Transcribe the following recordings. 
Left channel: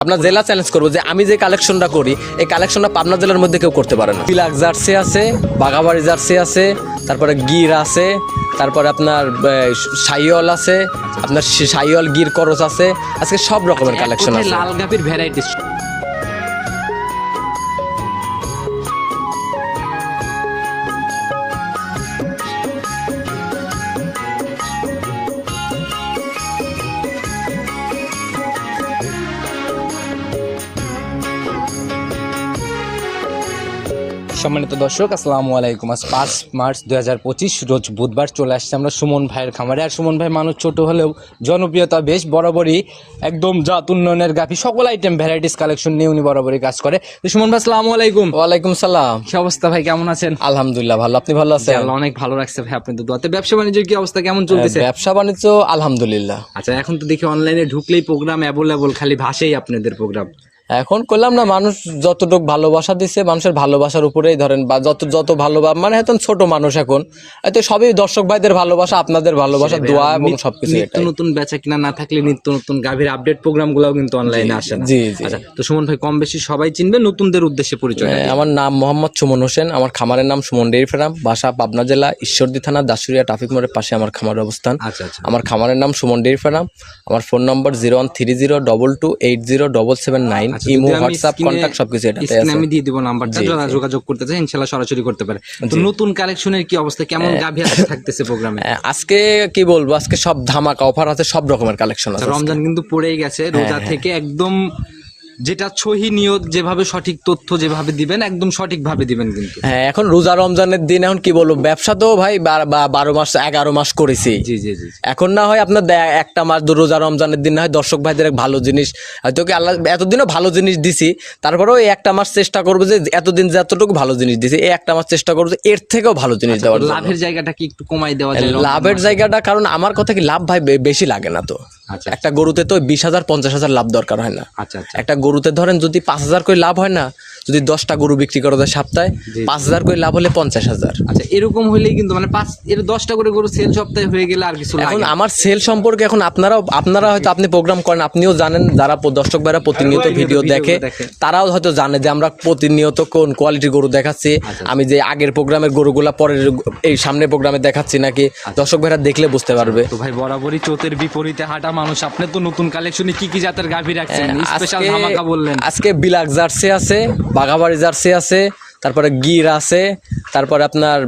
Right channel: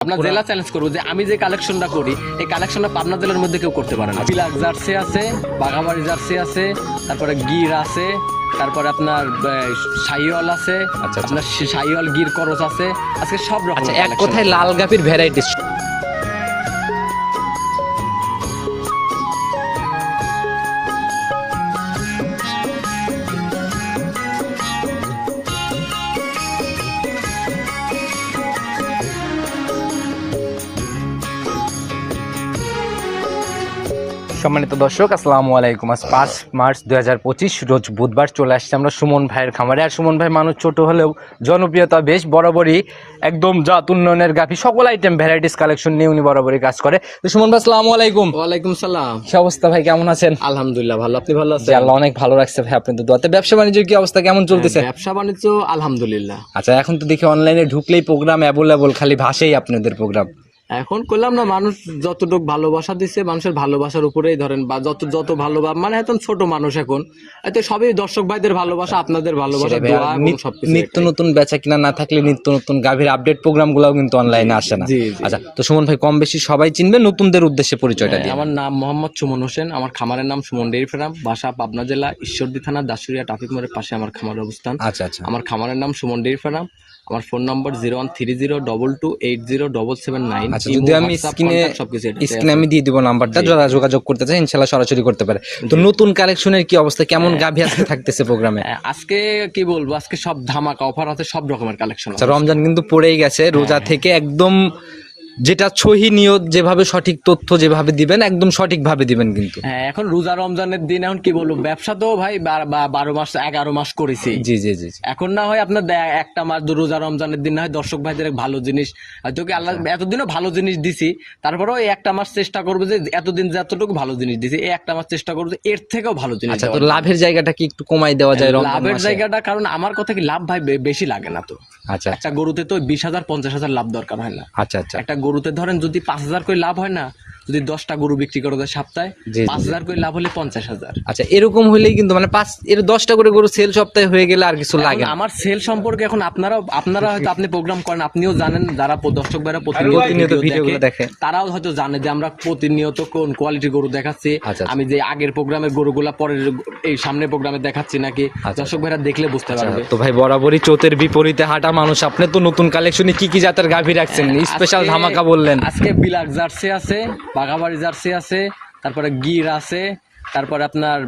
আপনার জেলা চ্যালেঞ্জ করব যে আমি যে কালেকশনটা করি এই কালেকশনটা পাবনা জেলার মধ্যে কেউ করতে পারে না তিলাক জার্সি আছে বাঘাবাড়ি জার্সি আছে তারপরে গির আছে তারপরে আপনার সাইওয়াল আছে আচ্ছা। আপনার সাইওয়াল গির করস আছে আজকে সব রকমের কালেকশন লাল গাপির ভ্যারাইটিস সম্মানিত দর্শক আসসালামু আলাইকুম। আজ পাঁচ মার্চ দুই হাজার পঁচিশ রোজ বুধবার চলে আসছে আমরা সুমন ভাইয়ের খামারে। আর সুমন ভাই মানুষ ছোট হলেও জনপ্রিয়তা বেশ বরাবরই একদম জাত উন্নয়নের গাফি সকল আইটেম ভ্যারাইটিস কালেকশন নিয়ে উনি বরাবরই কাজ করে। তো সুমন ভাই আসসালামু আলাইকুম। ওয়ালাইকুম সালাম। কি অবস্থা ভাই কেমন আছেন? আলহামদুলিল্লাহ ভালো। আপনি ভালো আছেন? আল্লাহ অনেক ভালো রাখছে ভাই আপনাদের দোয়াতে। ব্যবসা বাণিজ্যের কি অবস্থা কেমন চলতেছে? ব্যবসা বাণিজ্য আলহামদুলিল্লাহ। আচ্ছা এখন তো দেখি অনলাইনে ঢুকলেই প্রোগ্রাম অ্যাভেলেবল খালি ভাষাই আপনাদের প্রোগ্রাম এখন করলাম না মানুষ যতটুকু ভালোবাসা দিচ্ছে মানুষের ভালোবাসার উপরেই ধরেন বা যত যত ভালোবাসা মানে এখন ছোট মানুষ এখন। এতে সবই দর্শক ভাইদের ভালোবাসা আপনাদের ভালোবাসা দোয়া এবং সবকিছু নিত্য নতুন বেচা কিনা না থাকলে নিত্য নতুন গাভীর আপডেট প্রোগ্রাম গুলাও কিন্তু অনলাইনে আসে না। আচ্ছা তো সুমন ভাই কম বেশি সবাই চিনবে নতুনদের উদ্দেশ্যে পরিচয় আমার নাম মোহাম্মদ সুমন হোসেন আমার খামারের নাম সুমন ডেইরি ফার্ম বাসা পাবনা জেলা ঈশ্বরদী থানা দাসুরিয়া ট্রাফিক মোড়ের পাশে আমার খামারের অবস্থান। আচ্ছা আচ্ছা। আমার খামারের নাম সুমন ডেইরি ফার্ম আমার phone number zero one three zero double two eight zero double seven nine imo WhatsApp স্ক্রিনে সবকিছু এটা স্ক্রিনে আমি দিয়ে দিব নাম্বারটা যারা যোগাযোগ করতে চায় ইনশাআল্লাহ সরাসরি করতে পারে। তো নতুন কালেকশনের কি অবস্থা? কেমন গাভী আজকে থাকতেছে প্রোগ্রামে আজকে কি বলব? আজকে সব ধামাকা অফার আছে সব রকমের কালেকশন আছে রমজান কিন্তু পড়েই গেছে রোজা থেকে একদম যেটা সহি নিয়ত যেভাবে সঠিক তথ্য যেভাবে দিবেন একদম সঠিকভাবে দিবেন কিন্তু। হ্যাঁ এখন রোজা রমজানের দিন এখন কি বলব ব্যবসা তো ভাই বারো মাস এগারো মাস করেছি। জি জি জি। এখন না হয় আপনার একটা মাস দু রোজা রমজানের দিন না হয় দর্শক ভাইদের এক ভালো জিনিস। হয়তো কি আল্লাহ এতদিনও ভালো জিনিস দিছি তারপরেও এই একটা মাস চেষ্টা করব যে এতদিন যতটুকু ভালো জিনিস দিছি এই একটা মাস চেষ্টা করব যে এর থেকেও ভালো জিনিস দেওয়ার জন্য। লাভের জায়গাটা কি একটু কমাই দেওয়া যায় লাভের জায়গাটা কারণ আমার কথা কি লাভ ভাই বেশি লাগে না তো। আচ্ছা। একটা গরুতে তো বিশ হাজার পঞ্চাশ হাজার লাভ দরকার হয় না। আচ্ছা আচ্ছা। একটা গরুতে ধরেন যদি পাঁচ হাজার করে লাভ হয় না যদি দশটা গরু বিক্রি করা যায় সপ্তাহে পাঁচ হাজার করে লাভ হলে পঞ্চাশ হাজার। আচ্ছা এরকম হলেই কিন্তু মানে পাঁচ এর দশটা করে গরু সেল সপ্তাহে হয়ে গেলে আর কিছু লাগে আমার সেল সম্পর্কে এখন আপনারাও আপনারা হয়তো আপনি প্রোগ্রাম করেন আপনিও জানেন যারা দর্শক ভাইরা প্রতিনিয়ত ভিডিও দেখে। তারাও হয়তো জানে যে আমরা প্রতিনিয়ত কোন কোয়ালিটির গরু দেখাচ্ছি। আচ্ছা। আমি যে আগের প্রোগ্রামের গরুগুলা পরের এই সামনের প্রোগ্রামে দেখাচ্ছি নাকি আচ্ছা। দর্শক ভাইরা দেখলে বুঝতে পারবে। তো ভাই বরাবরই চোতের বিপরীতে হাঁটা মানুষ আপনি তো নতুন কালেকশনে কি কি জাতের গাভী রাখছেন? স্পেশাল আজকে- বললেন। আজকে বিলাক জার্সি আছে বাঘাবাড়ি জার্সি আছে তারপরে গির আছে তারপরে আপনার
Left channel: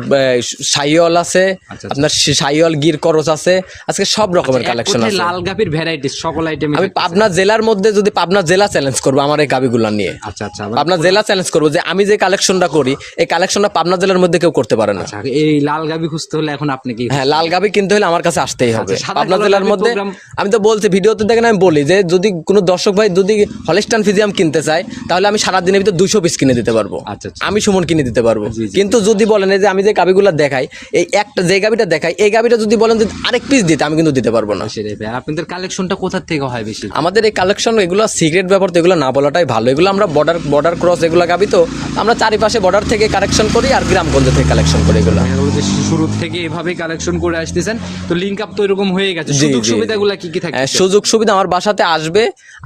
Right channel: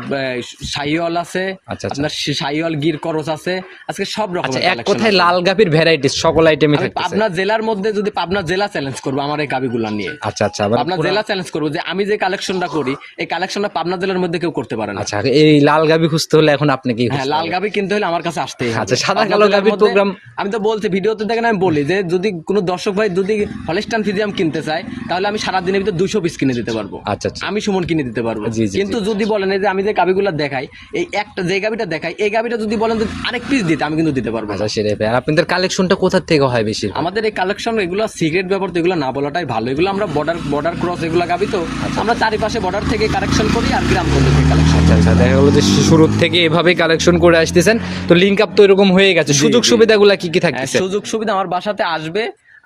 সাইওয়াল আছে আচ্ছা, আপনার সাইওয়াল গির করস আছে। আজকে সব রকমের কালেকশন আছে। লাল গাভীর ভ্যারাইটিস সকল আইটেমই আমি পাবনা জেলার মধ্যে যদি পাবনা জেলা চ্যালেঞ্জ করব আমার এই গাবিগুলা নিয়ে। আচ্ছা আচ্ছা পাবনা জেলা চ্যালেঞ্জ করব যে আমি যে কালেকশনটা করি এই কালেকশনটা পাবনা জেলার মধ্যে কেউ করতে পারে না। আচ্ছা এই লাল গাভী খুঁজতে হলে এখন আপনি কি হ্যাঁ লাল গাবি কিনতে হলে আমার কাছে আসতেই হবে। আচ্ছা, পাবনা জেলার মধ্যে আমি তো বলছি ভিডিওতে দেখেন আমি বলি যে যদি কোনো দর্শক ভাই যদি হলিস্টান ফিজিয়াম কিনতে চায় তাহলে আমি সারা দিনের ভিতরে দুইশো পিস কিনে দিতে পারব। আচ্ছা আচ্ছা। আমি সুমন কিনে দিতে পারব। কিন্তু যদি বলেন যে আমি যে গাবিগুলো দেখাই এই একটা যে গাবিটা দেখাই এই গাবিটা যদি বলেন যে আরেক পিস দিতে আমি কিন্তু দিতে পারব না। সেটাই ভাই। আপনাদের কালেকশনটা কোথা থেকে হয় বেশি? আমাদের এই কালেকশন এগুলো সিক্রেট ব্যাপার তো এগুলো না বলাটাই ভালো। এগুলো আমরা বর্ডার বর্ডার ক্রস এগুলো গাবি তো আমরা চারিপাশে বর্ডার থেকে কালেকশন করি আর গ্রামগঞ্জ থেকে কালেকশন করি। এগুলো। যে শুরু থেকে এভাবেই কালেকশন করে আসতেছেন। তো লিঙ্ক আপ তো এরকম হয়ে গেছে। সুযোগ সুবিধাগুলো কি কি হ্যাঁ, থাকে সুযোগ সুবিধা আমার বাসাতে আসবে।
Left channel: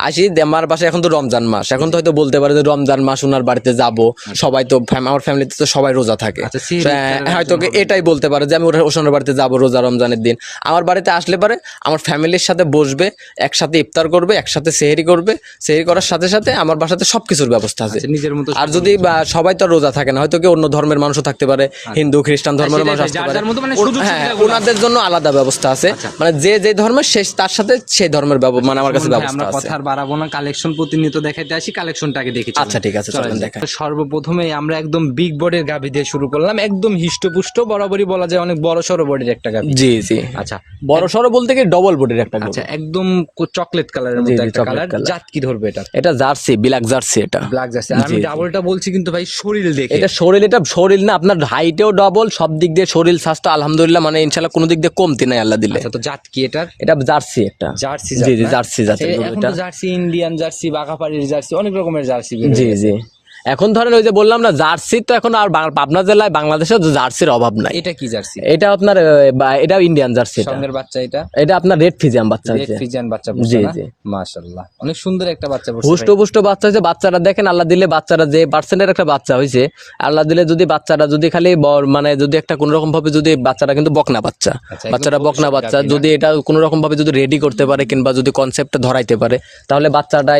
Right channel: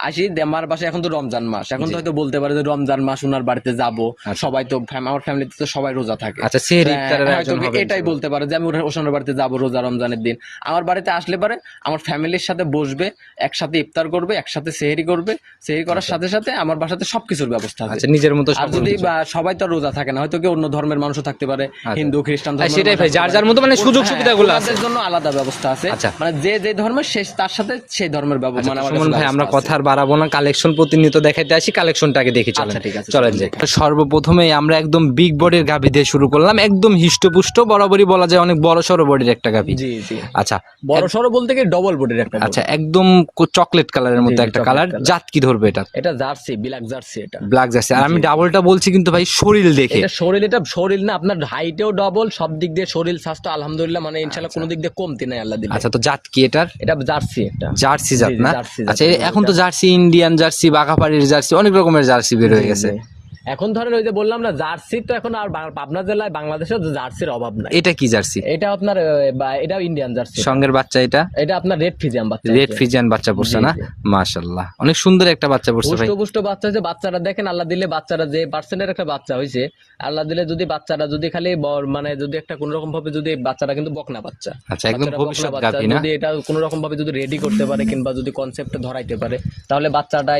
আসি আমার বাসায় এখন তো রমজান মাস। এখন তো হয়তো বলতে পারে যে রমজান মাস ওনার বাড়িতে যাব। সবাই তো আমার ফ্যামিলিতে তো সবাই রোজা থাকে। আচ্ছা, হ্যাঁ, হয়তো এটাই বলতে পারে যে আমি ওসনের বাড়িতে যাব রোজা রমজানের দিন। আমার বাড়িতে আসলে পারে আমার ফ্যামিলির সাথে বসবে একসাথে ইফতার করবে একসাথে সেহেরি করবে। সেহেরি করার সাথে সাথে আমার বাসাতে সবকিছুর ব্যবস্থা আছে। আচ্ছা, নিজের মতো আর যদি সবাই তো রোজা থাকে না হয়তো কি অন্য ধর্মের মানুষও থাকতে পারে হিন্দু খ্রিস্টান ধর্মের যার যার মতো মানে সুযোগ হ্যাঁ, সুবিধাগুলো জন্য আলাদা ব্যবস্থা আছে। আচ্ছা। মানে যে যে ধর্মের সে তার সাথে সেই ধর্মের মানে আমার কাছে আমরা বাড়াবো না কালেকশন প্রতিনিয়ত দেখাইতে আসি কালেকশনটাকে দেখি আচ্ছা, ঠিক আছে, চলেন চলেন দেখি। সর্বপ্রথমে আমরা একদম বিগ বডির গাভী দিয়ে শুরু করলাম। একদম হিষ্টপুষ্ট বরাবরই বলা যায় অনেক বড় সড়ো বডির একটা গাভী। জি জি। আচ্ছা। বড় সড়ো বলতে কি ডবল বডির একটা আচ্ছা একদম চকলেট কালারের মধ্যে একটা কালার। জাত কি ধরবে এটা? এটা জার্সি বিলাক জার্সি এটা। Black jersey. আমি ডাবলটা বলছি কিন্তু ভাই শরীর দেখে। এটা শরীর এটা শরীর না আপনার হাইটেও ডবল সব দিক দিয়ে শরীর স্বাস্থ্য আলহামদুলিল্লাহ মানে ইনশাল্লাহ কোনো দিক দিয়ে কমতি নাই আল্লাহ দিলে। আচ্ছা তো জাত কি এটার? এটা জার্সি একটা। জার্সি জার্সি আচ্ছা এখন তো জার্সি ইন্ডিয়ান জার্সি বাঘাপাড়ির জার্সি অনেক রকমের জার্সি বের হয়ে গেছে। এখন ধরেন ওই যে বললাম না জার্সি তো এখন আর পাবনা জেলায় বাংলাদেশের জার্সির অভাব নাই। এটা কি জার্সি? এটা আপনার এটা ইন্ডিয়ান জার্সি সঙ্গের বাচ্চা এটা? এটা আপনার রেড ফিজিয়াম বাচ্চা রেড ফিজিয়ান বাচ্চা পড়ছে না? মাশাআল্লাহ। অনেক সুন্দর একটা বাচ্চা পড়ছে পুষ্ট পুষ্ট বাচ্চা হয়েছে। বাচ্চারা দেখেন আল্লাহ দিলে বাচ্চারা যে পার্সেন্টের একটা বাচ্চা হয়েছে আল্লাহ দিলে যদি বাচ্চারা যদি খালি মানে যদি একটা কোন রকম ভাবে যদি বাচ্চারা কিন্তু বকনা বাচ্চা আচ্ছা, বাচ্চারা বকনা বাচ্চা যদি এটা কোন রকম ভাবে যদি রেডি করতে পারে কিংবা যদি কনসেপ্ট ধরাইতে পারে তাহলে বাচ্চাটা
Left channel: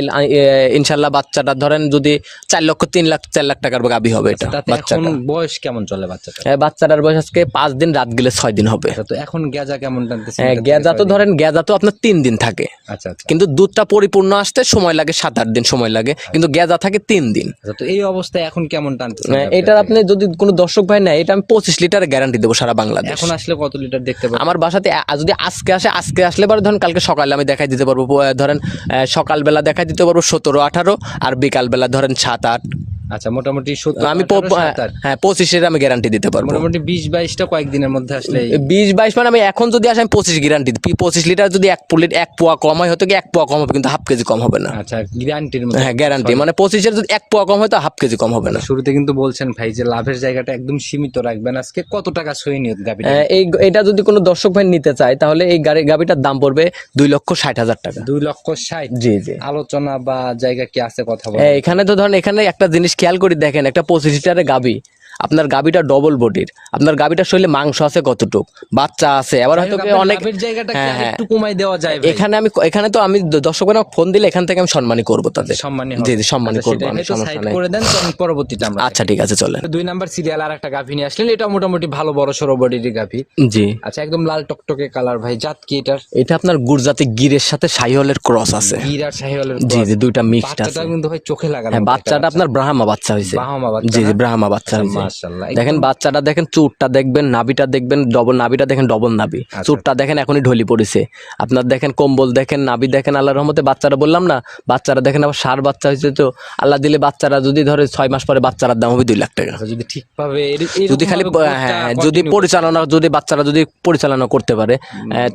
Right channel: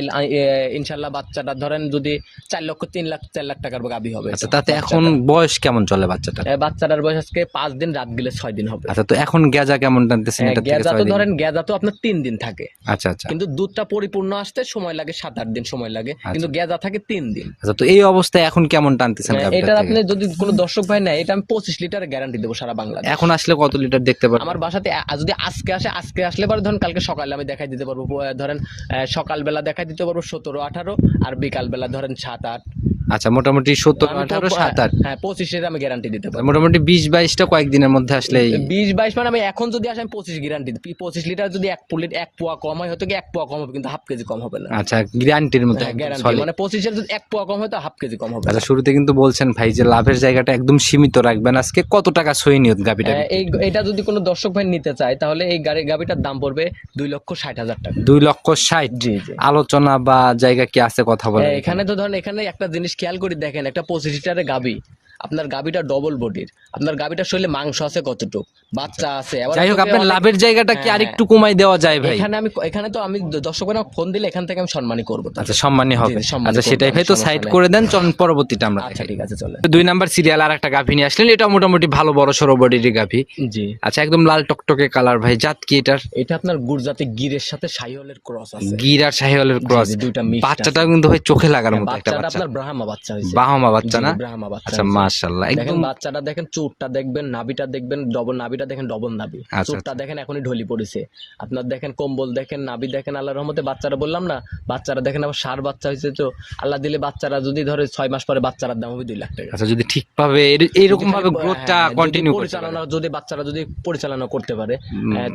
ইনশাল্লাহ বাচ্চাটা ধরেন যদি চার লক্ষ তিন লাখ চার লাখ টাকার গাবি হবে এটা তাতে এখন বয়স কেমন চলে বাচ্চাটা বাচ্চাটার বয়স আজকে পাঁচ দিন রাত গেলে ছয় দিন হবে। আচ্ছা তো এখন গেজা কেমন টানতেছে গেজা তো ধরেন গেজা তো আপনার তিন দিন থাকে। আচ্ছা আচ্ছা। কিন্তু দুধটা পরিপূর্ণ আসতে সময় লাগে সাত আট দিন সময় লাগে। কিন্তু গেজা থাকে তিন দিন। আচ্ছা তো এই অবস্থায় এখন কেমন গাভীটার এটার আপনি যদি কোনো দর্শক ভাই নেয় এটা আমি পঁচিশ লিটারের গ্যারান্টি দেবো সারা বাংলাদেশ। এখন আসলে কত লিটার দেখতে পাবেন আমার বাসাতে যদি আজকে আসে আজকে আসলে পরে ধরেন কালকে সকালে আমি দেখাই দিতে পারব ধরেন আহ, সকালবেলা দেখাই দিতে পারব সতেরো আঠারো আর বিকালবেলা ধরেন সাত আট। আচ্ছা মোটামুটি সত্তর আমি হ্যাঁ পঁচিশের আমি গ্যারান্টি দিতে পারব। মোটামুটি বিশ বাইশটা কয়েকদিনের মধ্যে আসলে বিশ বাইশ মানে আমি এখন যদি আসে আমি পঁচিশ গ্যারান্টি পঁচিশ লিটার যদি এক পুলিট এক পোয়া কম হয় হয়তো কি এক পোয়া কম হবে কিন্তু হাফ কেজি কম হবে না। আচ্ছা গ্যারান্টির মধ্যে হ্যাঁ গ্যারান্টি মানে পঁচিশের যদি এক পোয়া কম হয় তো হাফ কেজি কম হবে না। শুরুতে কিন্তু বলছেন ভাই যে লাভের জায়গাটা একদম সীমিত রাখবেন। আজকে কত টাকা সই নিয়ত গাবিটা এই এটা যদি কোনো দর্শক ভাই নিতে চায় তাহলে এই গাড়ি গাবিটার দাম পড়বে দুই লক্ষ ষাট হাজার টাকা। দুই লক্ষ ষাট। জি জি। আলোচনা বা জায়গা কি আছে কথা বলে হ্যাঁ, এখানে তো ধরেন এখানে একটা জিনিস খেয়াল করে দেখেন একটা পঁচিশ লিটারের গাবি আপনার গাবিটা ডবল বডির আপনার গাবিটার শরীরে মাংস আছে কতটুক? বাচ্চা আছে। আবার হয়তো লাভের জায়গাটা কি হ্যাঁ, আরেকটু কমাই দেওয়া যায় ভাই? এখানে আমি এখানে তো আমি দর্শক ফোন দিলে এখান থেকে আমি সম্মানই করব তাদের। সম্মানী হবে জি, জি, আচ্ছা, সেটাই করব, ভাই তো সমস্যা সাইড করে দেন পরবর্তীতে আমরা আচ্ছা ঠিক আছে চলেন। দুই নাম্বার সিরিয়াল আর একটা গাভী নিয়ে আসলেন এটা মোটামুটি ভালো বড় সড়ো বডির গাভী। জি। আচ্ছা একদম লাল টকটকে কালার ভাই জাত কি এটার? এটা আপনার গুরজাতে গিরের সাথে সাইহলের ক্রস আছে। গির আর শাহিওয়ালের। জি দুইটা মিক্স বাচ্চাটা কিন্তু ভাই চোখে লাগানো বাচ্চাটা আপনার ব্রাহ্মা বাচ্চা হয়েছে বাহামা বাচ্চা জি ব্রাহ্মা বাচ্চা আচ্ছা মাশাআল্লাহ। দেখেন বাচ্চাটা দেখেন চুটটা দেখবেন নাভিটা দেখবেন ডবল নাভিটা দেখেন ডবল নাভি। আচ্ছা। চুটটা দেখেন এখনই ঢলি পড়েছে। আপনার দেখেন কম্বল দেখেন নাভি দেখেন আল্লাহর রহমতে বাচ্চারা বললাম না বাচ্চারা দেখেন আবার সার বাচ্চা হয়েছে তো আল্লাহ দিলে বাচ্চারা যদি ধরে ছয় মাস পরে বাচ্চারার দাম হবে দুই লাখ টাকা। আচ্ছা যদি ঠিকভাবে যদি খালি হ্যাঁ, যদি পরিচালনা যদি বাচ্চারা যদি পরিচালনা করতে পারে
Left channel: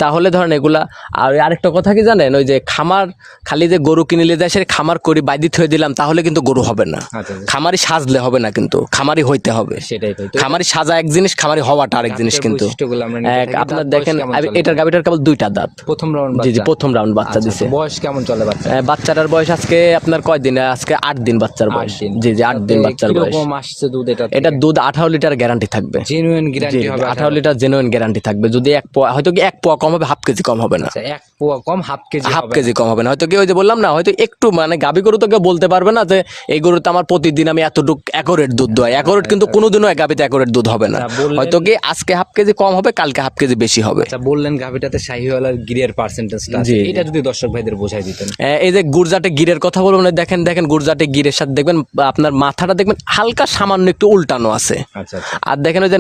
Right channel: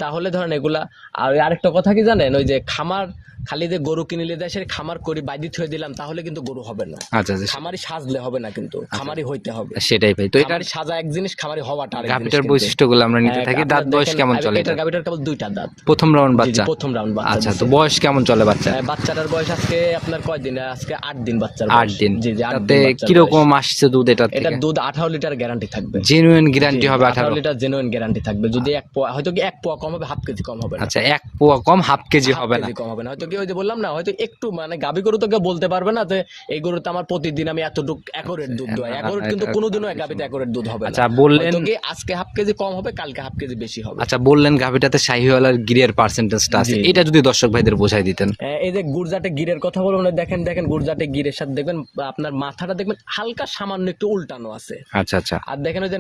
তাহলে ধরেন এগুলা আর আরেকটা কথা কি জানেন ওই যে খামার খালি যে গরু কিনলে যায় সে খামার করি বাইদি থয়ে দিলাম তাহলে কিন্তু গরু হবে না। আচ্ছা আচ্ছা, খামারি সাজলে হবে না কিন্তু খামারি হইতে হবে। সেটাই ভাই। খামারি সাজা এক জিনিস খামারি হওয়াটা আরেক জিনিস কিন্তু। বৈশিষ্ট্যগুলো আমরা নিতে থাকি। দাঁত বয়স দেখেন কেমন চলে? এটার গাবিটার কেবল দুইটা দাঁত। প্রথম রাউন্ড বাচ্চা। প্রথম রাউন্ড বাচ্চা আচ্ছা দিছে তো বয়স কেমন চলে বাচ্চা? বাচ্চাটার বয়স আজকে আপনার কয় দিন? আজকে আট দিন বাচ্চার বয়স। দিন। জি জি আট তাতে দিন বাচ্চার বয়স। কীরকম আসছে দুধ এটা এটা দুধ আঠারো লিটার গ্যারান্টি থাকবে। জেনুইন গ্যারান্টি হবে আঠারো। লিটার জেনুইন গ্যারান্টি থাকবে। যদি এক পোয়া হয়তো কি এক পোয়া কম হবে হাফ কেজি কম হবে না। আচ্ছা এক পোয়া কম হাফ কেজি হাফ কেজি কম হবে না। হয়তো কি ওই যে বললাম না হয়তো একটু মানে গাবি গরু তো কেউ বলতে পারবে না যে এই গরুতে আমার প্রতিদিন আমি এতটুক একরেট দুধ দোয় একরেট কিন্তু কোনোদিনও এক গাবিতে একরেট দুধ হবে না। আচ্ছা, হয়তো কি আজকে হাফ কেজি কম হবে কালকে হাফ কেজি বেশি হবে। আচ্ছা বললেন গাভিটাতে শাহিওয়াল আর গিরের পার্সেন্টেজটা আছে। এটা যদি দর্শক ভাইদের বোঝাই দিতেন। এই যে গুরজাটে গিরের কথা বলব না দেখেন দেখেন গুরজাটে গিরের সাথে দেখবেন আপনার মাথাটা দেখবেন হালকা সামান্য একটু উল্টানো আছে। আচ্ছা আচ্ছা। আর দেখেন ওই যে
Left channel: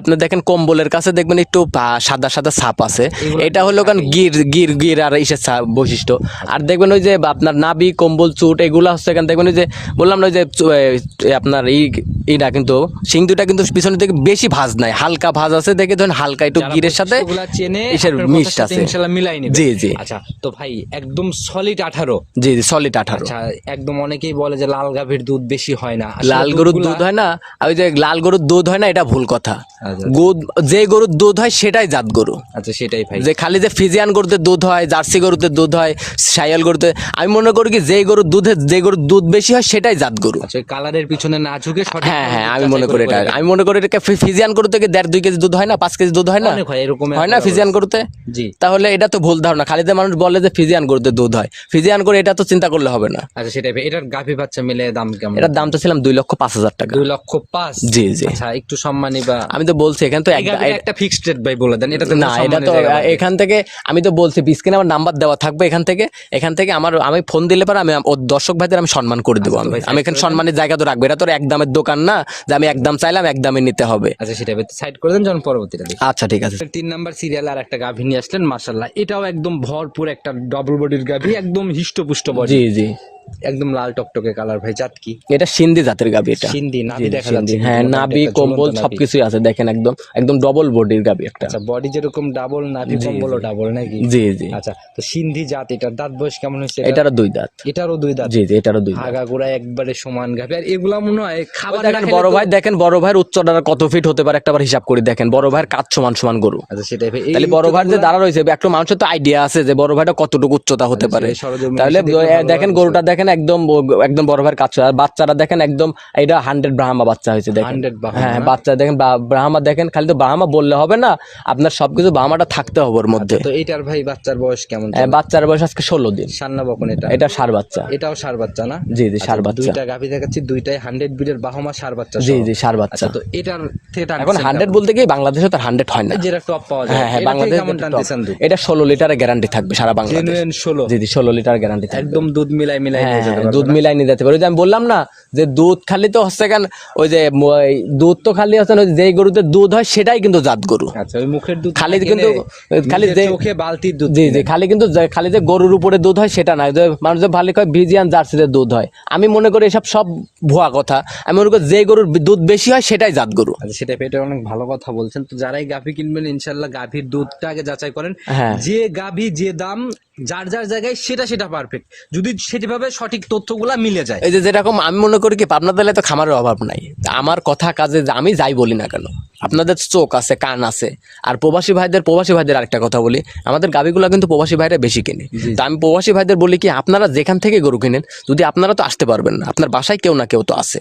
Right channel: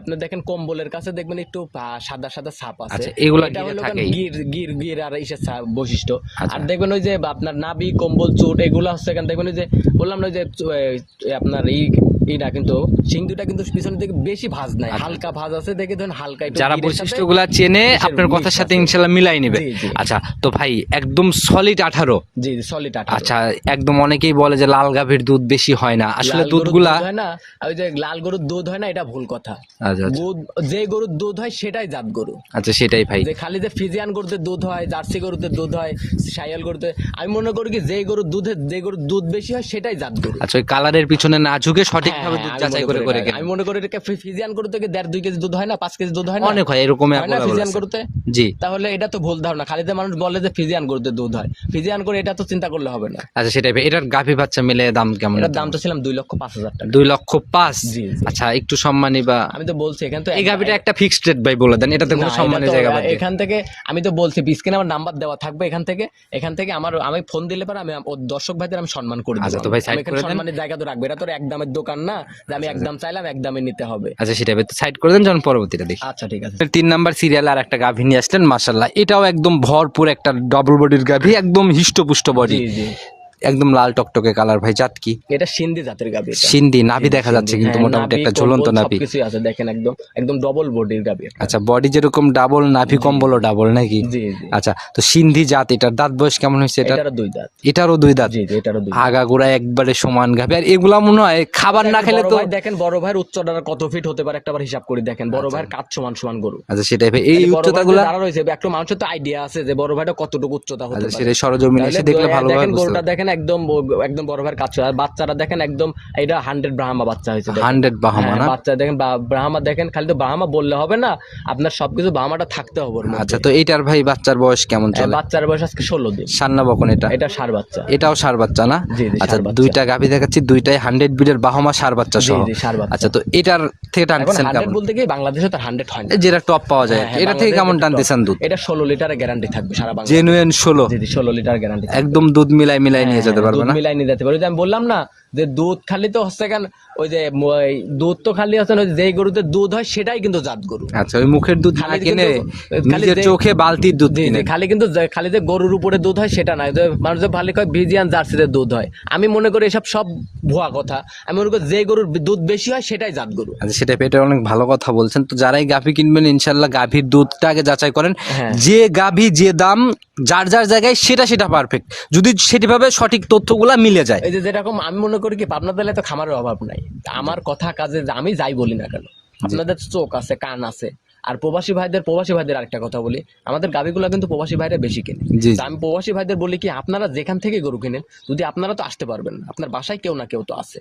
আপনি দেখেন কম্বলের কাছে দেখবেন একটু সাদা সাদা ছাপ আছে। আচ্ছা, এটা হলো কারণ গির গির গির আর ইসের বৈশিষ্ট্য। আচ্ছা। আর দেখবেন ওই যে আপনার নাবি কম্বল চুট এগুলো হচ্ছে দেখবেন ওই যে বললাম না ওই যে আপনার এই এটা কিন্তু সিং দুটা কিন্তু পিছনের দিকে বেশি ভাজ নাই হালকা ভাজ আছে দেখে ধরেন হালকা একটু গিরের সাথে ওগুলা চেনে আপনার কথার সাথে ইনশাআল্লাহ মিলাই নেবে। জি, জি। আচ্ছা তো ভাই একদম সলিড আঠারো। জি জি সলিড আঠারো। আচ্ছা একদম অনেকেই বলে যে লাল গাভীর দুধ বেশি হয় না। লাল গরুর দুধ হয় না ওই যে লাল গরুর দুধ হয় না এটা ভুল কথা। যে গরুর দুধ হয় সেটাই জাত গরু। আচ্ছা সেটাই ভাই। যে খালি যে ফিজিয়ান গরুতে দুধ হয় জার্সি গরুতে দুধ হয় সাইয়াল গরুতে আমি মনে করি কি যে গরুর দুধে যে গরুর দুধ বেশি হয় সেটাই জাত গরু। আচ্ছা কালারের পিছনে না ঝুঁকে সঠিক হ্যাঁ হ্যাঁ আমি মনে করি এটা। আমি মনে করি এটা ফিজিয়ান গরু থেকে দেড় দুই কেজি দুধ হয় না পাঁচ কেজি দুধ হয় না? অনেক হয় এরকম হয় না ফিজিয়ান গরুতে? জি। তাহলে এটা তো ভুল ধারণা। খালি যে মানুষ বলে যে ফিজিয়ান গরুতে দুধ হয়। ফিজিয়ান করে এটা তো চিন্তা করলে হবে না। আচ্ছা সেটাই ভাই। এটার গাভী বাচ্চা মিলে দাম কেমন? এটার দাম তো ছিলাম দুই লক্ষ পাঁচ হাজার টাকা। দুই লক্ষ পাঁচ? জি জি। আচ্ছা একটু সম্মানী বা আমি তো বলছি এখান তো একটা ফিক্সড রেট ভাই বলে দেন এটা তো এখান থেকে আমি তো বলছি বিস্কিনে আমার নাম্বার দেওয়া থাকবে এখান থেকে এখান থেকে আমার আমি ফোন দিলে পরে আমি দর্শক ভাইদের আমি সম্মান করে দেবো আচ্ছা, আমি। ভাই আমি side এখানে সম্মানের জায়গা তো রাখব এটা তো এক দামের দোকান না যে আমি এক দাম চাইলাম এক দামে নিতে হবে। আচ্ছা সেটা সাইড করে দেন যখন পরবর্তীটা দেখি। আচ্ছা ঠিক আছে। তিন নাম্বার সিরিয়াল আর একটা গাভী নিয়ে আসলেন মাশাল্লাহ এটাও একদম ভরপুর একটা ডবল বডির গাভী একদম হিষ্টপুষ্ট বডি জি জি। একদম লাল টকটকে কালার ভাই জাত কি? এটা সিন্ধি জাতের গাবি এটা। সিন্ধি নাভি দেখা যাচ্ছে কিন্তু হ্যাঁ, মোটামুটি একটা ঝুলন্ত নাভি। সবকিছুই আছে দেখেন একদম একদম ডবল বডির গাবি একটা। আচ্ছা বডি যেরকম ডাবল নাভি কম্বলও ডাবল নাকি? জি জি। আচ্ছা তো সিন্ধি জাত এটার দাঁত বয়স কেমন হয়েছে এটা? এটারও দুই দাঁত। এটারও দুই দাঁত? জি জি এটারও দুই দাঁত। আগাগোড়া একবারে সমান গাভি আর এগুলা মনে হয় খাবার না খেলে বড় ভাই দেখেন বড় ভাইয়ের উচ্চতা কত ফিট হতে পারে একটাবার হিসাব করে দেখেন। বড় ভাইয়ের কাজ সমান সমান গরু। আচ্ছা সেটাই ভাই। এই বড় ভাই দাঁড়া রয়েছে একটা মানুষের তো আইডিয়া আছে যে বড় ভাইটা কতটুকু উচ্চতা হতে পারে। সেটাই সরজমিনে দেখেন গরুটা দেখেন একদম একদম বড় ভাইয়ের কাজ আর বাচ্চারা দেখেন একদম এটা হান্ড্রেড ব্রাহ্মা বাচ্চা হয়েছে হান্ড্রেড বাহামা হ্যাঁ বাচ্চা দেখেন ব্রাহ্মা দেখেন খালি তো ব্রাহ্মা বললে হবে না আপনার সবকিছু ব্রাহ্মাটা থাকতে হবে ওর মধ্যে। আচ্ছা তো এইটার ভাই বাচ্চার বয়স কেমন হ্যাঁ, চলে? বাচ্চার বয়স আজকে ষোলো দিন। সান্না বকন এটা? এটা সার বাচ্চা। এটাও সার বাচ্চা না? জি, জি, আচ্ছা ষাঁড় বাচ্চা। দুইটা গাভি দেখাচ্ছি দুইটাই হান্ড্রেড বিডের বাহমা সার বাচ্চা জি জি সার বাচ্চা। আচ্ছা তো এটার থেকে এখন হান্ড্রেড বলতে গিয়ে বাংলাদেশে তার হান্ড্রেড হয় না। যেটা টপ পাওয়া যায়। হ্যাঁ, এটা থেকে কেমন টানতেছেন দুধ? এটা ষোলো লিটারের গ্যারান্টি থাকবে সারা বাংলা জেনুইন ষোলো। জি জি ষোলো লিটার গ্যারান্টি একদম দুধ মিলাই মিলাই নিয়ে যেতে হ্যাঁ, পারবে দুধ মিলাই নিয়ে যেতে পারবে। ওই যে আমি বললাম না যে দুধ খালি তো হচ্ছে কেন ওই যে দুধ তো খালি হচ্ছে যেই গরুতে দুধ হয় সেটাই কিন্তু জাত গরু। আচ্ছা ওই মুখের দুধ খালি কিন্তু- খালি যে- চোখে বালতির দুধ জি জি খালি কিন্তু খালি যে গরুর উপরে দুধ হয় সেটা যে মানুষ যে ভালো কয় ভিজিয়ান জার্সিতে দুধ হয়। আমি মনে করি এসব সব ভুয়া কথা। আমি মনে করি যে গরুর দুধ বেশি হয় সেটাই জাত গরু। আচ্ছা সেটা পেটে অনেক ভালো কথা বলছেন। তো যারাই গাভী কিনবেন ইনশাল্লাহ গাভীর দুধটা আগে যাচাই করেন। হ্যাঁ। যে গাভী যে দাম যার যার জায়গায় সেটা সেটা পারফেক্ট যদি সেটিভাবে সঠিক তথ্যগুলা মিলে যায়। এই যে যেরকম আমি মনে করি কি পাবনা জেলায় তো খামারের অভাব নাই। আমার কথা কাজে আমি যাই বলি না কেন। আপনাদের চোখ আছে কান আছে। আর প্রবাসী ভাইদের প্রবাসী ভাইদের আরেকটা কথা বলি। আমাদের গাবিগুলো কিন্তু প্রবাসী ভাইরা বেশি কিনে। তা আমি প্রবাসী ভাইদের বলি কি আপনারা যেখান থেকে গরু কিনেন যদি আপনারা তো আসতে পারবেন না আপনার বাসায় কেউ না কেউ তো আছে।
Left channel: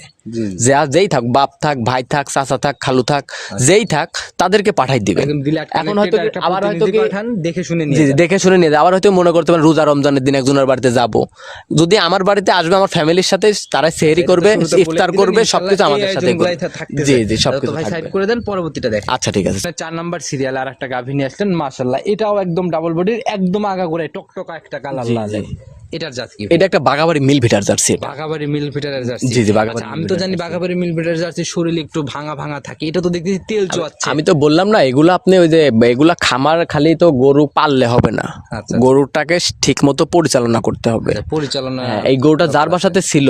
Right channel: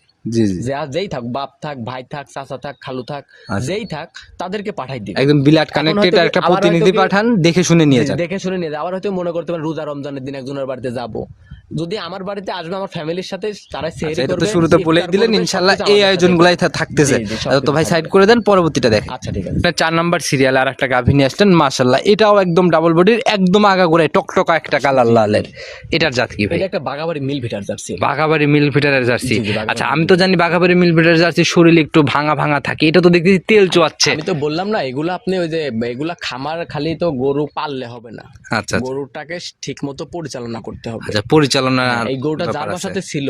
যে যেই থাক বাপ থাক ভাই থাক চাচা থাক খালু থাক যেই থাক তাদেরকে পাঠাই দিবে একদম বিলাট কানেক্টেড একটা প্রতিনিধি পাঠান দেখে শুনে নিয়ে। দেখে শুনে নিয়ে আবার হয়তো মনে করতে পারেন রোজা রমজানের দিন একজনের বাড়িতে যাব। যদি আমার বাড়িতে আসবে আমার ফ্যামিলির সাথে তারা সেহরি করবে ইফতার করবে এই আয়োজনগুলাই থাকতেছে। জি, জি, তো ভাই সাইড করে দেন পরবর্তীটা দেখেন। আচ্ছা ঠিক আছে। চার নাম্বার সিরিয়াল আর একটা গাভী নিয়ে আসলেন মাশাল্লাহ এটাও একদম ডাবল বডির একদম আগাগোড়ায় টকটকা একটা কালার লালের। এটার জাত কি এটা একটা বাগাবাড়ি মিল ভিটার জার্সি। মিল জার্সি। আচ্ছা আমি তো জানি বাঘাবাড়ি মিল ফিটারের জার্সি শরীর একটু ভাঙা ভাঙা থাকে এটা তো দেখতেছি তেল চুয়াচ্ছে। আমি তো বললাম না এগুলো আপনি ওই যে এগুলা খামার খালি তো গরু পাললে হবে না। আচ্ছা গরুটাকে ঠিক মতো পরিচালনা করতে হবে। আচ্ছা, পরিচালনা এই গরুটা যার বাসাতে ছিল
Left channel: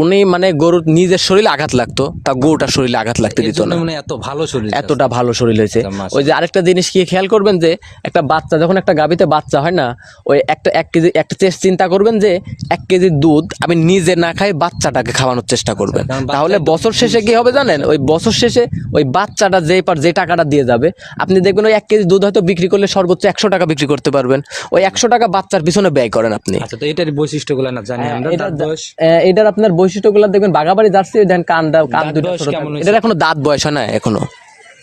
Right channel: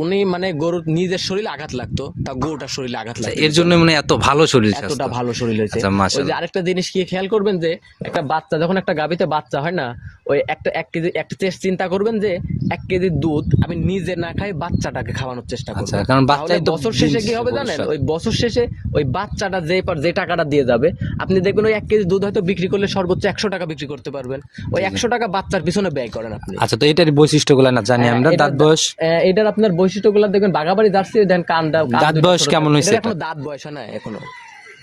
উনি মানে গরুর নিজের শরীরে আঘাত লাগতো তা গরুটার শরীরে আঘাত লাগতো এর জন্য মানে এত ভালো শরীর এতটা ভালো শরীর হয়েছে। আচ্ছা, ওই যে আরেকটা জিনিস কি খেয়াল করবেন যে একটা বাচ্চা যখন একটা গাবিতে বাচ্চা হয় না ওই একটা এক কেজি একটা চেষ্টা চিন্তা করবেন যে এক কেজি দুধ আমি নিজে না খাই বাচ্চাটাকে খাওয়ানোর চেষ্টা করবেন। কারণ তাহলে বছর শেষে কি হবে জানেন? ওই বছর শেষে ওই বাচ্চাটা যে পার যে টাকাটা দিয়ে যাবে আপনি দেখবেন ওই এক কেজি দুধ হয়তো বিক্রি করলে সর্বোচ্চ একশো টাকা বিক্রি করতে পারবেন। ওই একশো টাকা বাচ্চার পিছনে ব্যয় করেন আপনি। আচ্ছা তো এটার বৈশিষ্ট্যগুলো না জানি আমরা হ্যাঁ, দাঁত বয়স? আহ, এটার আপনার বৈশিষ্ট্যগুলো দেখবেন বাঘাবাড়ি জার্সি দেন কান দাঁত বয়স কেমন হয়েছে? এটার এখনও দাঁত বয়স হয় না এখনও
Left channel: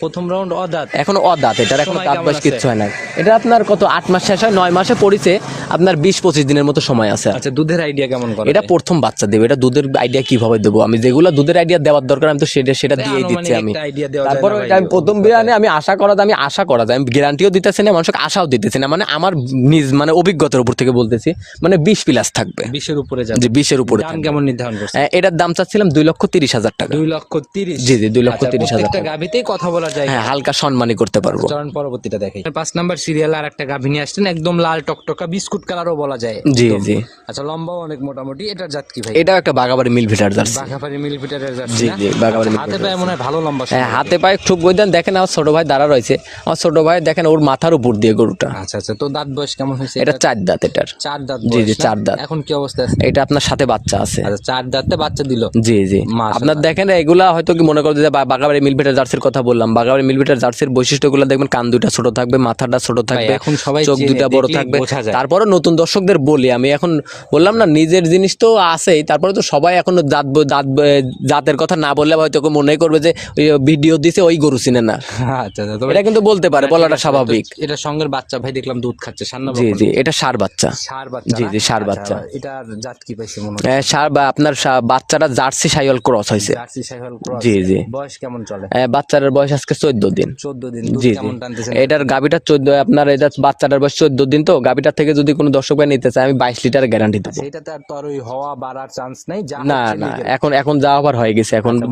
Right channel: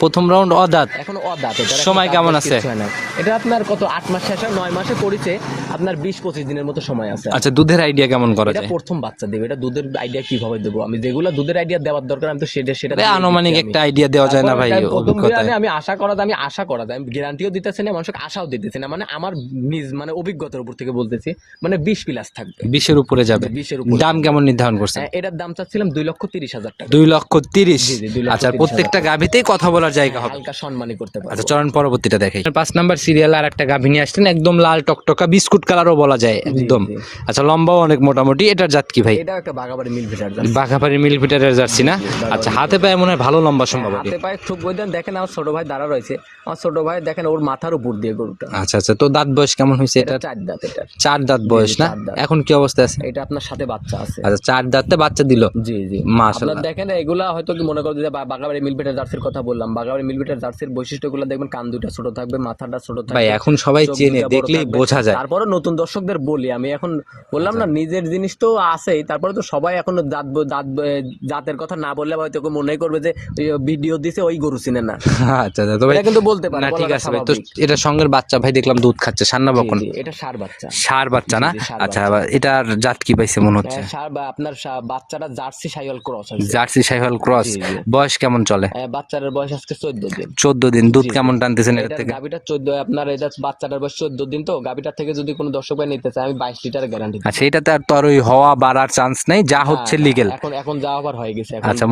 প্রথম রাউন্ড অদাঁত। এখনও অদাঁত এটার সময় কেমন আছে? হয় না এটা আপনার কত আট মাস শেষ হয় নয় মাসে পড়িছে আপনার বিশ পঁচিশ দিনের মতো সময় আছে। আচ্ছা দুধের আইডিয়া কেমন করে? এটা প্রথম বাচ্চা দেবে এটা দুধের আইডিয়া কীভাবে দেবো? আমি যেগুলো দুধের আইডিয়া দেওয়ার দরকার আমি তো সেটা সেটা দিয়ে আনুমানিক একটা আইডিয়া দেওয়া যায় না ভাই প্রথম। বিরানে আমি আশা করা আমি আশা করা যায় আমি গ্যারান্টিও দিতেছি না মানুষকে আশাও দিতেছি না মানে আমার নিজ মানে অভিজ্ঞতার উপর থেকে বলতেছি মানে বিশ প্লাস থাকবে। বিশের উপরে যাবে। বিশের উপরে দাম কেমন নির্ধারণ করছে হ্যাঁ, এটার দাম চাচ্ছিলাম দুই লক্ষ তিরিশ হাজার টাকা। দুই লক্ষ তিরিশ। জি, জি, দুই লক্ষ আচ্ছা প্রত্যেকটা গাভিতেই কথা বলার জায়গা হ্যাঁ হালকা সম্মানই করতে পারব। চরণ পরবর্তীটা দেখে পাঁচ নাম্বার সিরিয়াল আর একটা গাভী নিয়ে আসছেন একদম লাল টকটকা বিস্কুট কালারও বলা যায় জি, একদম। আচ্ছা লম্বাও অনেক মোটামুটি এটার জাত কি ভাই? এটাও একটা বাগাবাড়ি মিল ভিটার জার্সি। বাঘাপাড়ি মিল ফিটারের জার্সি না? আচ্ছা হাতে পায়ে মনে হয় ভালো লম্বা হ্যাঁ হাতে পায়ে খুব বইদান দেখেন আমার ছোট ভাই দাঁড়া রয়েছে। আমার ছোট ভাই দেখেন ওর মাথার উপর দিয়ে গরুটা। আচ্ছা আচ্ছা তো দাঁত বয়স কেমন হয়েছে এটা এটা চার দাঁত এটার। চার দাঁত বয়স? চার দাঁত। এখন কি অবস্থা আছে? এটা আপনার সাথে বাচ্চা আছে। আচ্ছা চার দাঁতে বাচ্চা দিল? জি জি। আপনার দেখেন এগুলা হয়তো কি মনে করতে বাগাবাড়ি মিলভিটার জার্সির কথা বললাম বাগাবাড়ি মিলভিটার জার্সির বৈশিষ্ট্যগুলো দেখবেন কান দুইটা ছোট থাকবে মাথাটা ছোট থাকবে এখন সবাই চোখ দুইটা বড় থাকবে। বোঝা যায়। তারপরে নতুন দর্শকদের বলি আমি এখন বললাম না নিজের জিনিস তো আছেই তারপরে তো সবাই এখন দাঁত দাঁত জাতের কথা না বললে হয়তো কেউ মনে করবে যে ভিডিও দিছে ওই গরু চিনে না। আচ্ছা আচ্ছা এটা কিন্তু বলতে পারে বলাটা স্বাভাবিক। তো এটার সঙ্গের বাচ্চা ভাই দেখলাম দুধ খাচ্ছে বকন? জি এটা সার বাচ্চা। সার বাচ্চা না? ষাঁড় আচ্ছা বাচ্চা। এটার জাত কি পাইছে মনে হচ্ছে? সার বা আপনার বাচ্চাটা জার্সি সাইওয়াল ক্রস হয়েছে জার্সি সাইওয়াল ক্রস। বয়স কেমন চলে? আহ, বাচ্চার বয়স আজকে চোদ্দ দিন। চোদ্দ দিন দুধ। কেমন টানতেছেন এটার গাবিটা চোদ্দ আপনার এটা বাচ্চাটার বয়স চোদ্দ দিন তো গাবিটার থেকে যদি কোনো দর্শক ভাই নিতে চায় আমি বাইশ লিটার গ্যারান্টি আচ্ছা এটাতে আর তো আর ওই হওয়া বাড়ার চান্স নেই যা হচ্ছে লিগেল এখন এখন যা আবার হয়ে গেছে এখন আচ্ছা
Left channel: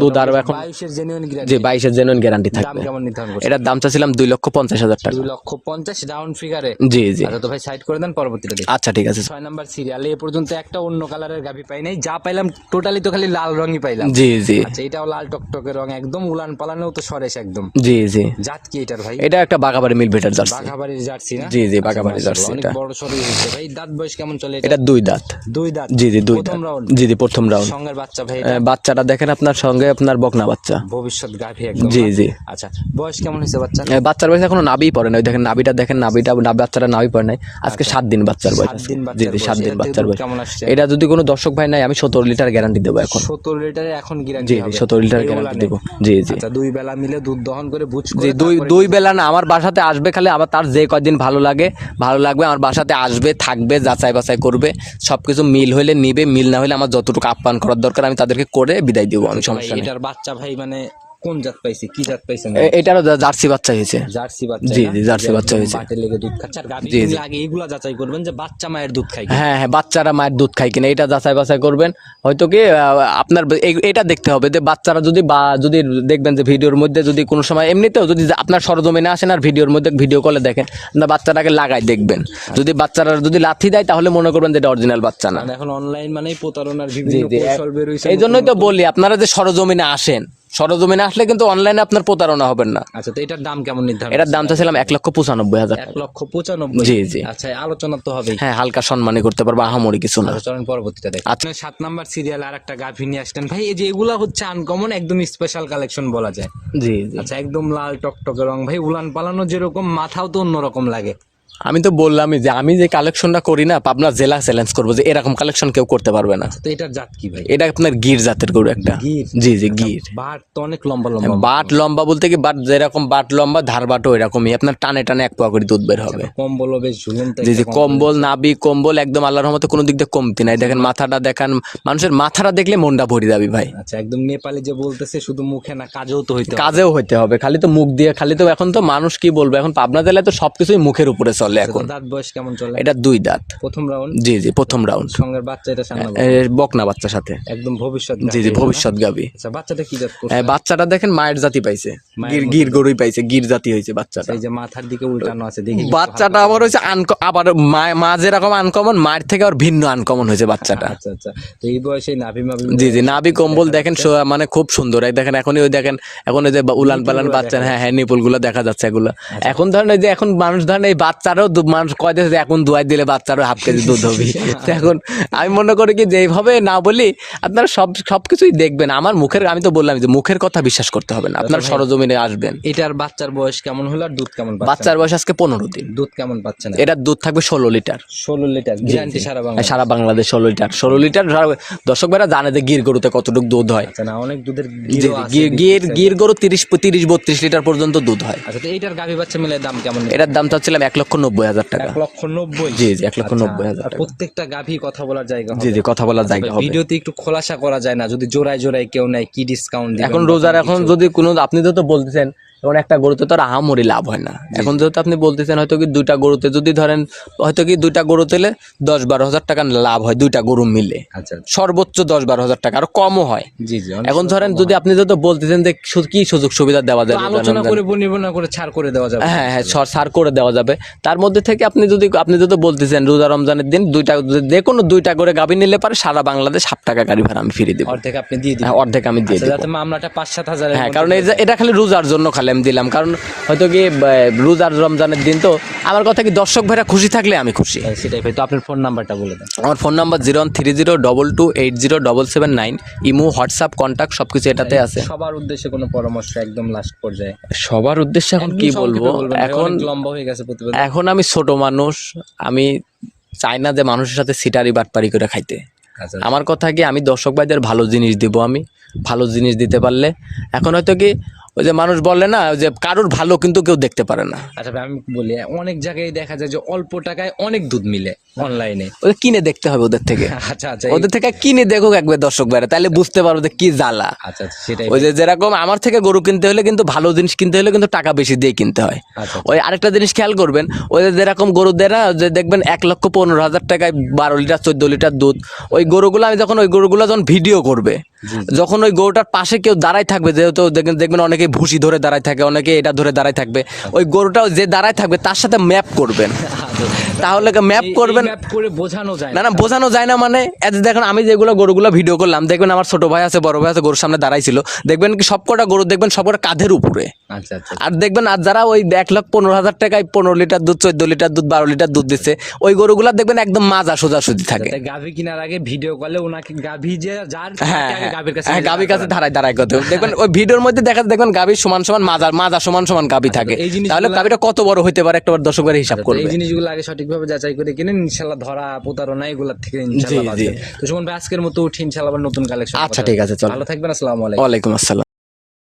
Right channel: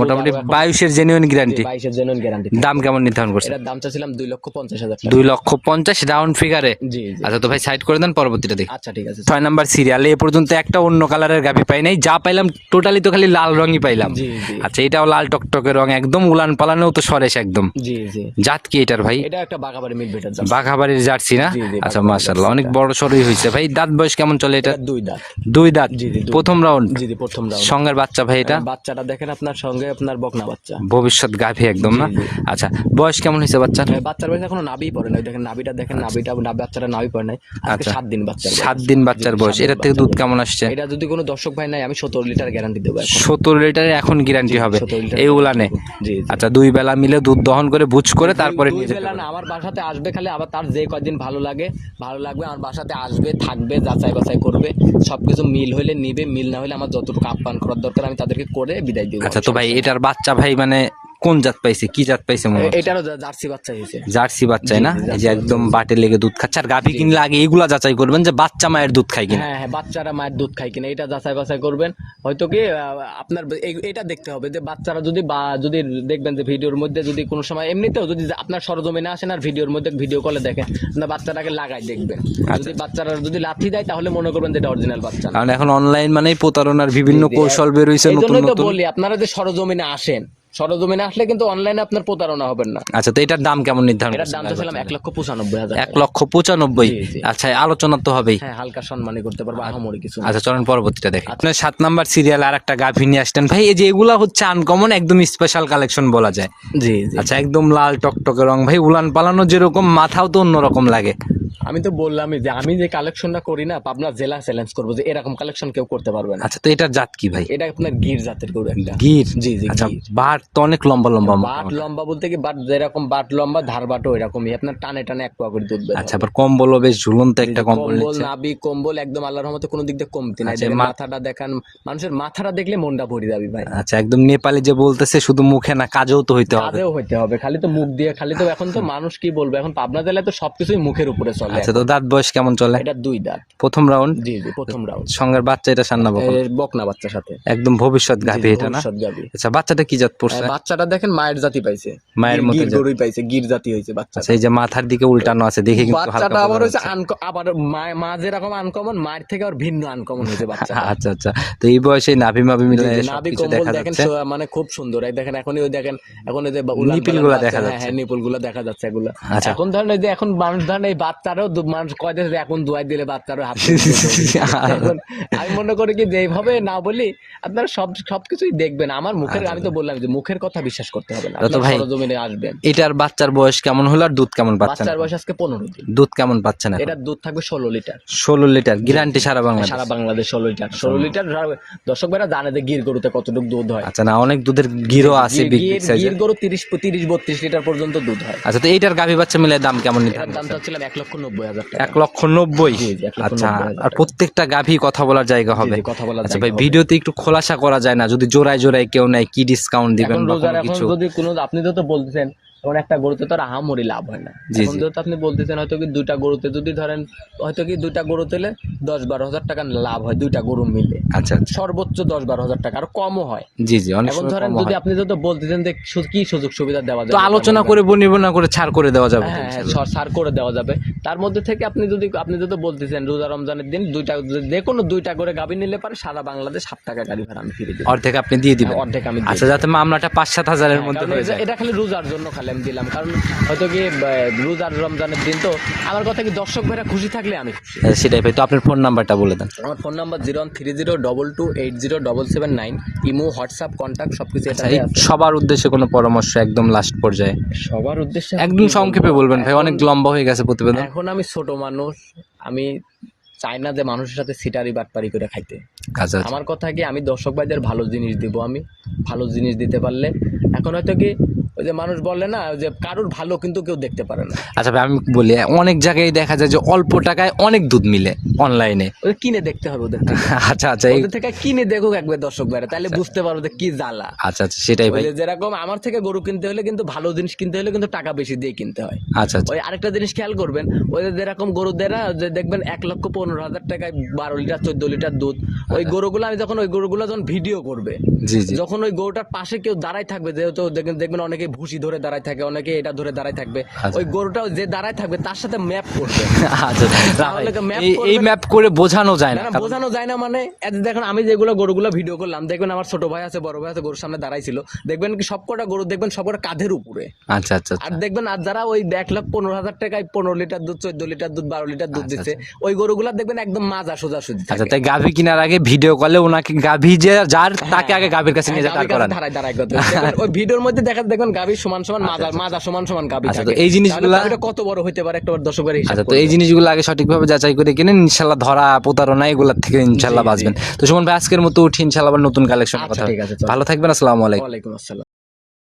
বাইশের জেনুইন গ্যারান্টি বাইশের জেনুইন গ্যারান্টি দাম কেমন নির্ধারণ করছে এটার দাম চাচ্ছিলাম দুই লক্ষ পঞ্চাশ হাজার টাকা। দুই লক্ষ পঞ্চাশ রাউন্ড ফিগারে জি জি। আচ্ছা তো ভাই সাইড করে দেন পরবর্তীটা দেখি। আচ্ছা ঠিক আছে। ছয় নাম্বার সিরিয়ালে এ পর্যন্ত একটা অন্য কালারের গাভি পাই নাই যা পাইলাম টোটালি তো খালি লাল রঙই পাইলাম। জি জি। আচ্ছা এটাও লাল টকটকে রং একদম উলান পালানেও তো সরেস একদম। জি জি। জাত কি এটার ভাই? এটা একটা বাগাবাড়ি মিল ভেটার জার্সি। বাঘাবাড়ির জার্সি না? জি, জি, আচ্ছা মাশাআল্লাহ অনেক বড় সরই হয়েছে। ভাই দাঁত বয়স কেমন চলে এটা? এটা দুই দাঁত। দুই দাঁত? জি জি দুই প্রথম রাউন্ড? জি জি প্রথম রাউন্ড। সঙ্গের বাচ্চা ভাই এটা? বাচ্চাটা দেখেন আপনার সঙ্গে আপনার বকনা বাচ্চা। ভবিষ্যৎ গাভি একদম জি, জি। আচ্ছা বয়স কেমন হয়েছে বাচ্চা এ, বাচ্চার বয়স এখনও নাভি পড়ে নাই। দেখেন নাবিটা দেখেন নাবিটা বাচ্চাটা নাবি পড়ে নাই। আজকে আচ্ছা। সাত দিন বাচ্চার বয়স। সাত দিন বাচ্চার বয়স। এটার থেকে দুধ কেমন আসছে? এটা যদি কোনো দর্শক ভাই নাই আমি সতেরো লিটার গ্যারান্টি দেবো এখন। সত্তর লিটারে এখন গ্যারান্টি হবে। সতেরো লিটার এই উলানে জি জি। আচ্ছা দুই বেলা মিলে দুধ দহন করে বুঝ করে তারপরে দুই বেলা না আমার বাসাতে আসবে খালি আবার তার যে কয়দিন ভালো লাগে ভালো লাগবে আমার বাসাতে আসবে থাকবে যাচাই বাছাই করবে সব কিছু মিল হলে নিবে মিল না হলে আমার যতটুকু আপ্যায়ন করার দরকার আমি তাদেরকে করে বিদায় দিব আচ্ছা ভাই এটার বাচ্চা ভাই মানে কোন জাত পাইছে কি জাত পাইছে মনে? এটারও জার্সি বাচ্চা হয়েছে। জার্সি বাচ্চা না? জার্সি বাচ্চা বাটে লেগে দুধ খাচ্ছে। আর গাভি কিনলে আগে এগুলা যাচাই করবেন যে বাচ্চা মায়ের দুধ খাই কিনা। হ্যাঁ হ্যাঁ বাচ্চারা মায়ের দুধ খায় কিনা এটা যাচাই বাছাই করবেন। হয়তো কি আপনার এটা দেখতে হবে যে বাচ্চারা যদি বা যদি দেখবেন যে ভিডিওর মধ্যে যদি কোনো সময় এমনিতেও যদি আপনার সরজমিনে আসেন আর ভিডিওর মধ্যে ভিডিও কলে দেখেন আপনার বাচ্চাটাকে লাগাই দেখবেন। যদি বাচ্চারা যদি লাথি দেয় তাহলে মনে করবেন যে এটা অরিজিনাল বাচ্চা না। এখন অনলাইন মানেই প্রতারণার বিভিন্ন। কৌশল বেরোইছে এই জন্যই তো বলি আপনারা যে সরজমিনে আসেন সরজমিনে আসলে কিন্তু অনলাইনে আপনার প্রতারণা হবেন না। আচ্ছা তো এটার দাম কেমন নির্ধারণ এটার দাম চাচ্ছিলাম এক লক্ষ পঁচানব্বই হাজার এক লক্ষ পঁচানব্বই। জি, জি। আচ্ছা আলোচনা তো হবেই। হ্যাঁ হালকা সম্মানই করতে পারব আহামরি কিছু না। আচ্ছা চলেন পরবর্তীটা দেখ। আপনার সাত নাম্বার সিরিয়াল আর একটা গাভি নিয়ে আসতেন ভাই এই যে এগুলা হচ্ছে আনকমন একদম স্পেশাল কালেকশন বলা যায়। জি জি। আচ্ছা একদম লাল টকটকে রং। ভাই উলান পালানো যেরকম মাথাও তো অন্যরকম লাগে। আমি তো বললামই যে আমি যে কালেকশনটা করি না আপনার জেলা চ্যালেঞ্জ করব যে এরকম কালেকশন কেউ করতে পারবে না। আচ্ছা তো এটার জাত কি ভাই? এটা আপনার গির জাতের গরু একটা। গির? জি জি আচ্ছা, গির। বাট তো অনেক লম্বা লম্বা বাট লম্বা বলতে কি বাট যেরকম বাট লম্বা ধার বাটও এরকমই। আপনার টানে টানে এক পোয়া করে দুধ বের আচ্ছা হবে। আবার কম্বলও বেশ ঝুলন্ত কম্বল নাবি কম্বল একদম আল্লাহর মতো কোনো দিক দিয়ে কমতি নাই দেখেন মাথাটা দেখান মানুষের মাথাটা দেখলে মনটা ভরি যাবি ভাই। আচ্ছা একদম নেপালি যে বলতেছে শুধু মুখে না কাজেও তো হইতে হবে। কাজেও হইতে হবে খালি তো মুখ দিয়ে খালি তো এখন তো মানুষ কি বলব? এখন পাবনা জেলায় তো সবকিছুই মুখের উপরে চলে আচ্ছা তো দাঁত বয়স কেমন চলে? এটা দুই দাঁত। প্রথম রাউন্ড? জি জি প্রথম রাউন্ড। সঙ্গের বাচ্চা এটা সান্না বকনা। বাচ্চার সাথে। একদম ভবিষ্যৎ? ভবিষ্যৎ গাবি আচ্ছা বাচ্চাটা কি জাত পড়ছে? বাচ্চাটা দেখেন মায়ের জাতি পাইছে। গির-। গরুই পাইছে গির জাতি হয়েছে বাচ্চাটা। আচ্ছা, এই যে মাথার দিকে উল্টানো আছে দেখে বাচ্চাটা আবার হয়েছে আবার মা- যেরকম আনকমন মায়ের থেকে আবার ভিন্ন আনকমন হয়েছে বাচ্চাটা। আচ্ছা আচ্ছা। তো এই বয়সে নাভি মাভি জি জি নাভি কম্বল দেখা দেখেন মানে খুব সুন্দর। দেখেন এখনই ওই দেখেন এখন ওই যে উলান পালান বাচ্চা হ্যাঁ হ্যাঁ নিপুলগুলো দেখা যাচ্ছে এগুলো। আচ্ছা। এখন ধরেন এই যে এখন মানুষ ধরেন এই বাচ্চারও মানুষ কয় যে এখন দুয়াই দিলে বাচ্চারও হাফ কেজি দুধ হবে। এখন আমি মনে করি কি যেভাবে না বলি আপনারা সব সবকিছুই দেখবেন। আমার মুখের আমি তো বললাম যে মুখের কথা বিশ্বাস করতে হবে না। আপনার সরজমিনে আসবেন। এটার বাচ্চার বয়স কেমন হলো আর দুধ কেমন পাচ্ছে বাচ্চার বয়স আজকে পনেরো দিন। দুধ কেমন পাচ্ছে না এটার দুধ থাকবে ষোলো লিটার। ষোলো লিটার গ্যারান্টি সারা বাংলা সারা বাংলাদেশ ষোলো লিটার। ষোলো লিটার দর্শক ভাইরা জানে যে গির গরুতে কতটুকু দুধ হয়। আচ্ছা না অনেক দুধের গিরো আছে গির- গির গির তিরিশ তিরিশ বত্রিশ লিটার পর্যন্ত দুধ হয়। আচ্ছা তো এইটার গাভী বাচ্চা মিলে দাম কেমন এটার দাম চাচ্ছিলাম এক লক্ষ নব্বই হাজার টাকা। এক লক্ষ নব্বই? জি, জি, এক লক্ষ আচ্ছা, নব্বই হাজার আর প্রত্যেকটা গাভী কথা বলার জায়গা হবে। কথা বলার আচ্ছা জায়গা ভিডিওতে একটু খোলাসা করা যায় না। যদি জোড়ায় জোড়ায় কেউ নেয় কি ডিসকাউন্ট দিবেন এখন রোজার এখন যদি কোনো আপনি তো তো বলতেছেন এখন একটা গরুতে তো আর আহামরি লাভ হয় না। এখন যেহেতু আপনি বলতেছেন হয়তো কি দুইটা গরুতে যদি ধরেন হয়তো কি দুইটা গরু তেলে দশ বারো হাজার টাকা লাভ হয় দুইটা গরু মিলে। আচ্ছা সর্বোচ্চ দশ বারো হাজার টাকা আর কমও হয়। জি জি এখন ধরেন যদি আপনি যদি বলতেছেন যে কি সুযোগ সুবিধা দেওয়া যাবে? আলোচনা করে বনিবনা করে ছাড় করে দেওয়া যাবে। হ্যাঁ হ্যাঁ সার করে দেওয়া যাবে। তার মধ্যে থেকে আপনি যদি আপনি যদি বলতেছেন রোজা রমজানের দিন দুইটা যে কোনো দুইটা করে গাভী নিলে পারে সারা বাংলাদেশ সাত টাকা গাড়ি ভাড়া আমি ফিরে দেবো। অর্ধেক আপনি দিয়ে দিবেন। হ্যাঁ, অর্ধেক আমি দিয়ে আচ্ছা যাতে মামলাটা পাঁচ সাত হাজার হ্যাঁ কারণ এই যে- এটা খালি রোজার জন্য খালি আমি দিলাম। কারণ হয়তো কি রোজার রমজানের দিন তো আমার কথা কি দর্শক ভাইরা খুশি থাকলে আমি খুশি। হ্যাঁ, সেটাই ভাই। তো আপনার ফোন নাম্বারটা বলে দেন। আমার phone number zero one three zero double two eight zero double seven nine imo WhatsApp contact সবকিছু এটাতে আছে। সবার উদ্দেশ্যে কোনো পরামর্শ একদম লাস্ট পর্যায়ে। সবার উদ্দেশ্যে একদম সংক্ষেপে বলবেন অনেক লম্বা হয়ে গেছে প্রতিবেদন। এখন আমি ছোট মানুষ আমি চাই না যে মানুষের সাথে সিটারি বাটপারি করে খাইতে। আচ্ছা আমার কথা কি আমি দর্শক ভাইদের ভালো জিনিস দিব আমি? ভালো জিনিস দিতে পারলে? এখন হয়তো কি ওই যে মানুষ বলে না যে কারোর ভালো কিন্তু কেউ দেখতে পারে না। আচ্ছা ভাই আমি বলি অনেক জায়গায় দেখা যায় যে অল্প টাকায় অনেক দুধ মিলে অনলাইনে। ওই কিনে দেখতে হবে ওদের থেকে। আচ্ছা আচ্ছা ওদের থেকে কিনে দেখুক একবার দর্শক ভাইরা তাহলে বুঝতে পারব যে কি জ্বালা। আচ্ছা আচ্ছা সেটাই ওই যে যেরকম আমার থেকে গরু কিনতে হলে কিন্তু ভালো জিনিস কিনতে হলে কিন্তু টাকা বেশি দিয়ে কিনতে হয়। আচ্ছা আচ্ছা। ওই আরেকটা জিনিস খেয়াল করবেন ওই যে যেরকম গরু দেয় না যে দেখবেন এক লক্ষ পনেরো হাজার টাকায় বারো লিটার চোদ্দ লিটার দুধ। ওই গরুগুলো আমি যখন ওই গরুগুলো যখন ভিডিও করবে। যখন ওই গরুটার পাশে কেউ দাঁড়ায় থাকবে যেহেতু দেখবেন দেখবেন অনেকে ভুসি ধরে দাঁড়ায় থাকে অনেকে এটা ধরে দাঁড়ায় থাকবে। ওই গরুটা যে দাঁড়ায় থাকবে তার সাথে ম্যাপ করবেন। আচ্ছা তাহলে ম্যাপ করবেন? ম্যাপ করে বোঝানো যায় না। না বোঝানো যায় না মানে যে দেখুন আমি যেগুলো গরুগুলো ভিডিও করলাম দেখবেন আমার ছোট ভাই আছে বড় ভাই আছে গরুর সামনে দাঁড়াইছিল। দেখবেন কি সবকটা গরু দেখবেন সবকটা কাঁধের উপরে। আচ্ছা আচ্ছা আর দেখবেন আর যারা ওই এক লাখ পনেরো হাজার টাকায় পনেরো লিটার দুধ চোদ্দ লিটার দুধ বারো লিটার দুধ দিচ্ছে ওই গরুগুলা দেখবেন একদম মাজা সোজাসুজি থাকে। তাই গাভী কেনার আগে ভিডিও কলে ওনাকে গাভী যে যার তাকে আগে গাভীর কাছে হ্যাঁ, গাভীর কাছে। দাঁড়ায় দাঁড়ায় করতে দেখবেন ওই ভিডিওর মধ্যে দেখা দেখবেন গাভীর সমান সমান মাজার মাজা সমান সমান গাভী আচ্ছা, থাকে। এই জিনিস তাহলে গাভীটা কত বড় হতে পারে একটা দর্শকের হিসাব আচ্ছা, তো করবে এই জিনিসগুলো আগে সঠিকভাবে যাচাই করে কিনেন ইনশাল্লাহ ধরা প্রতারণা এগুলোর থেকে জি। বাঁচবেন। তো সুমন ভাই আজকের মতো উঠি ইনশাল্লাহ আবার নতুন কালেকশন আচ্ছা, ঠিক আছে, ভালো থাকবেন আসসালামু আলাইকুম। ওয়ালাইকুম আসসালাম।